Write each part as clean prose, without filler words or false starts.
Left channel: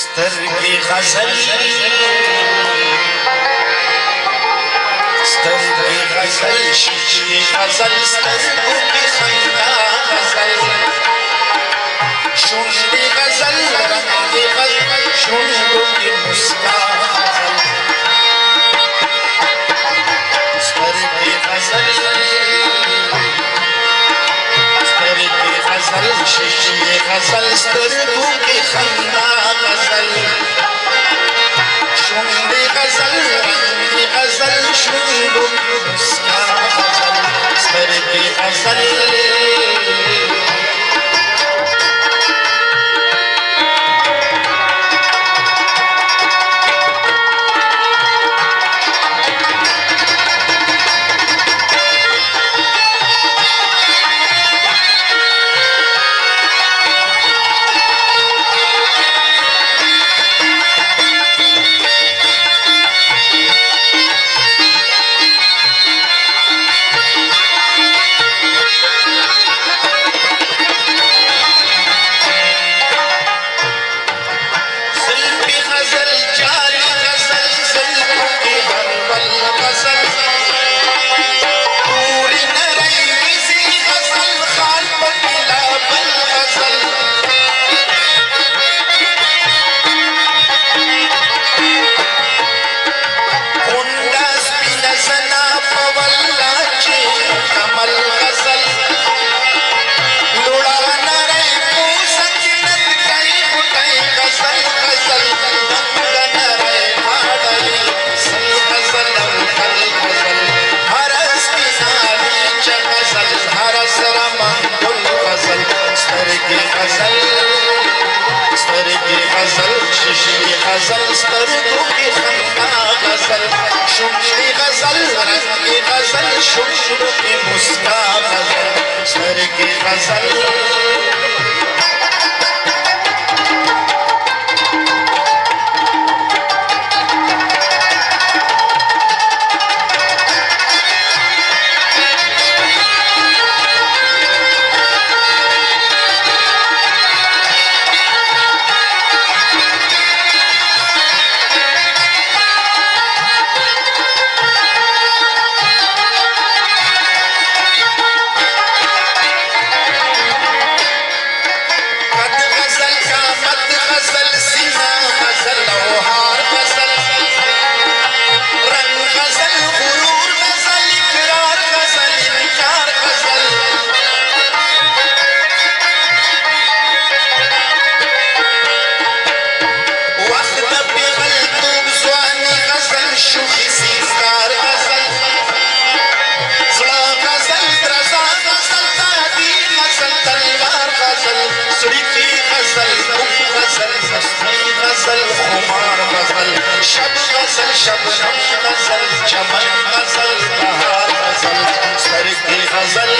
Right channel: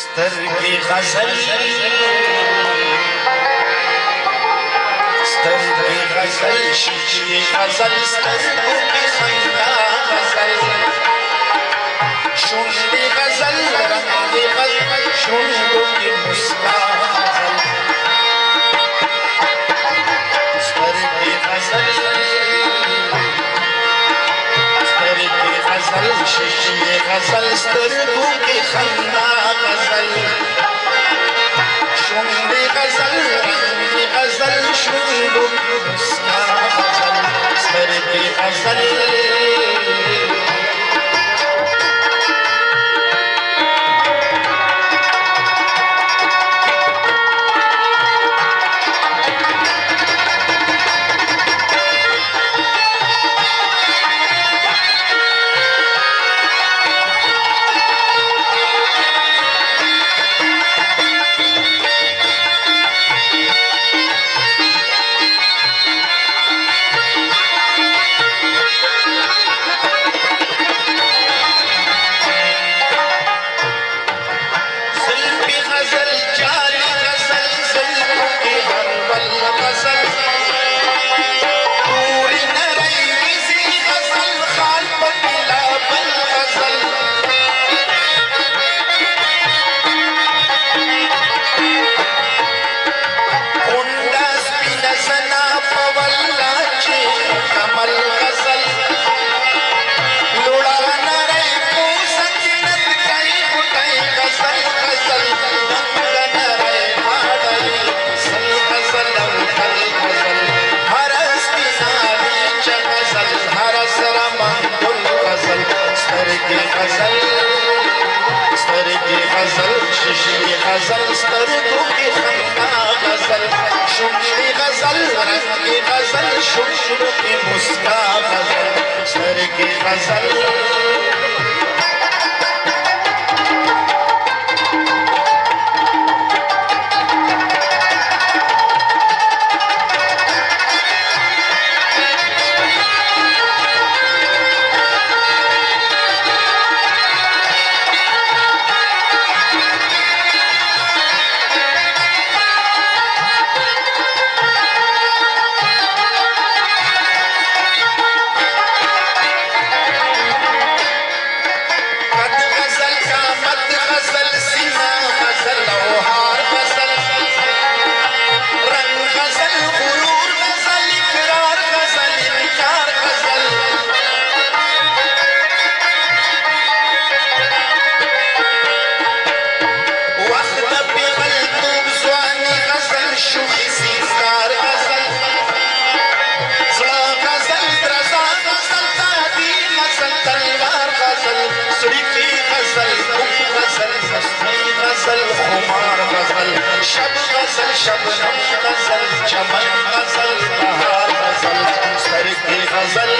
سترګې غزل سترګې غزل شیشې غزل سترګو کې خندا غزل شونډې غزل رنګې غزل شونډو کې مسکا غزل سترګې غزل سترګې غزل شیشې غزل سترګو کې خندا غزل شونډې غزل رنګې غزل شونډو کې مسکا غزل سترګې غزل غزل سترګو کې خندا غزل شونډې غزل رنګې غزل شونډو کې مسکا غزل سترګې غزل شب غزل شبنم غزل چمن غزل بهار غزل سترګې غزل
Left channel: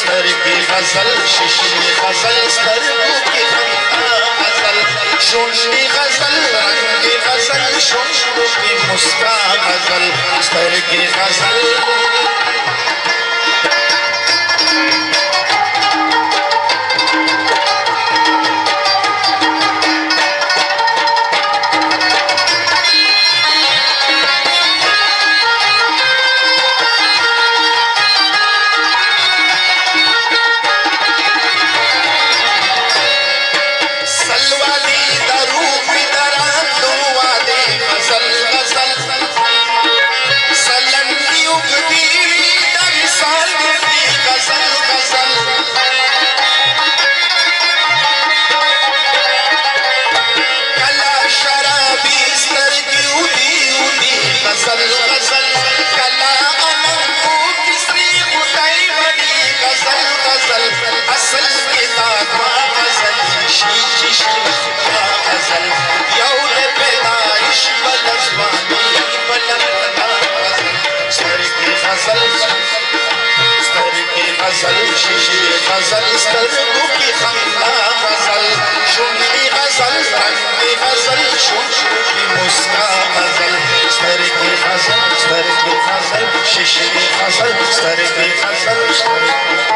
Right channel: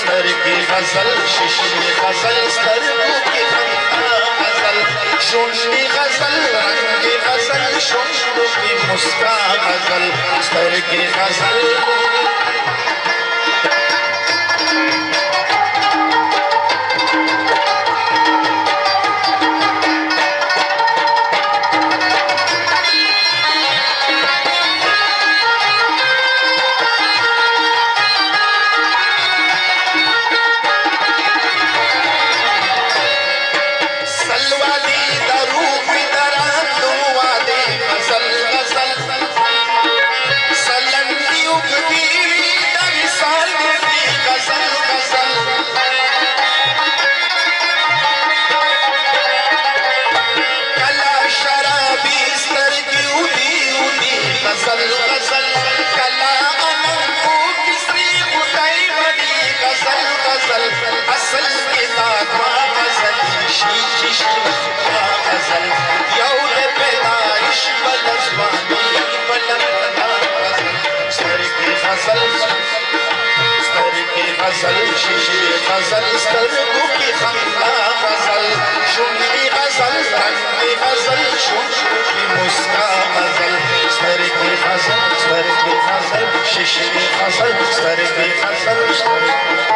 سترګې غزل شیشې غزل سترګو کې خندا غزل شونډې غزل رنګې غزل شونډو کې مسکا غزل سترګې غزل غزل شیشې غزل سترګو کې خندا غزل شونډې غزل رنګې غزل شونډو کې مسکا غزل سترګې غزل شیشې غزل سترګې غزل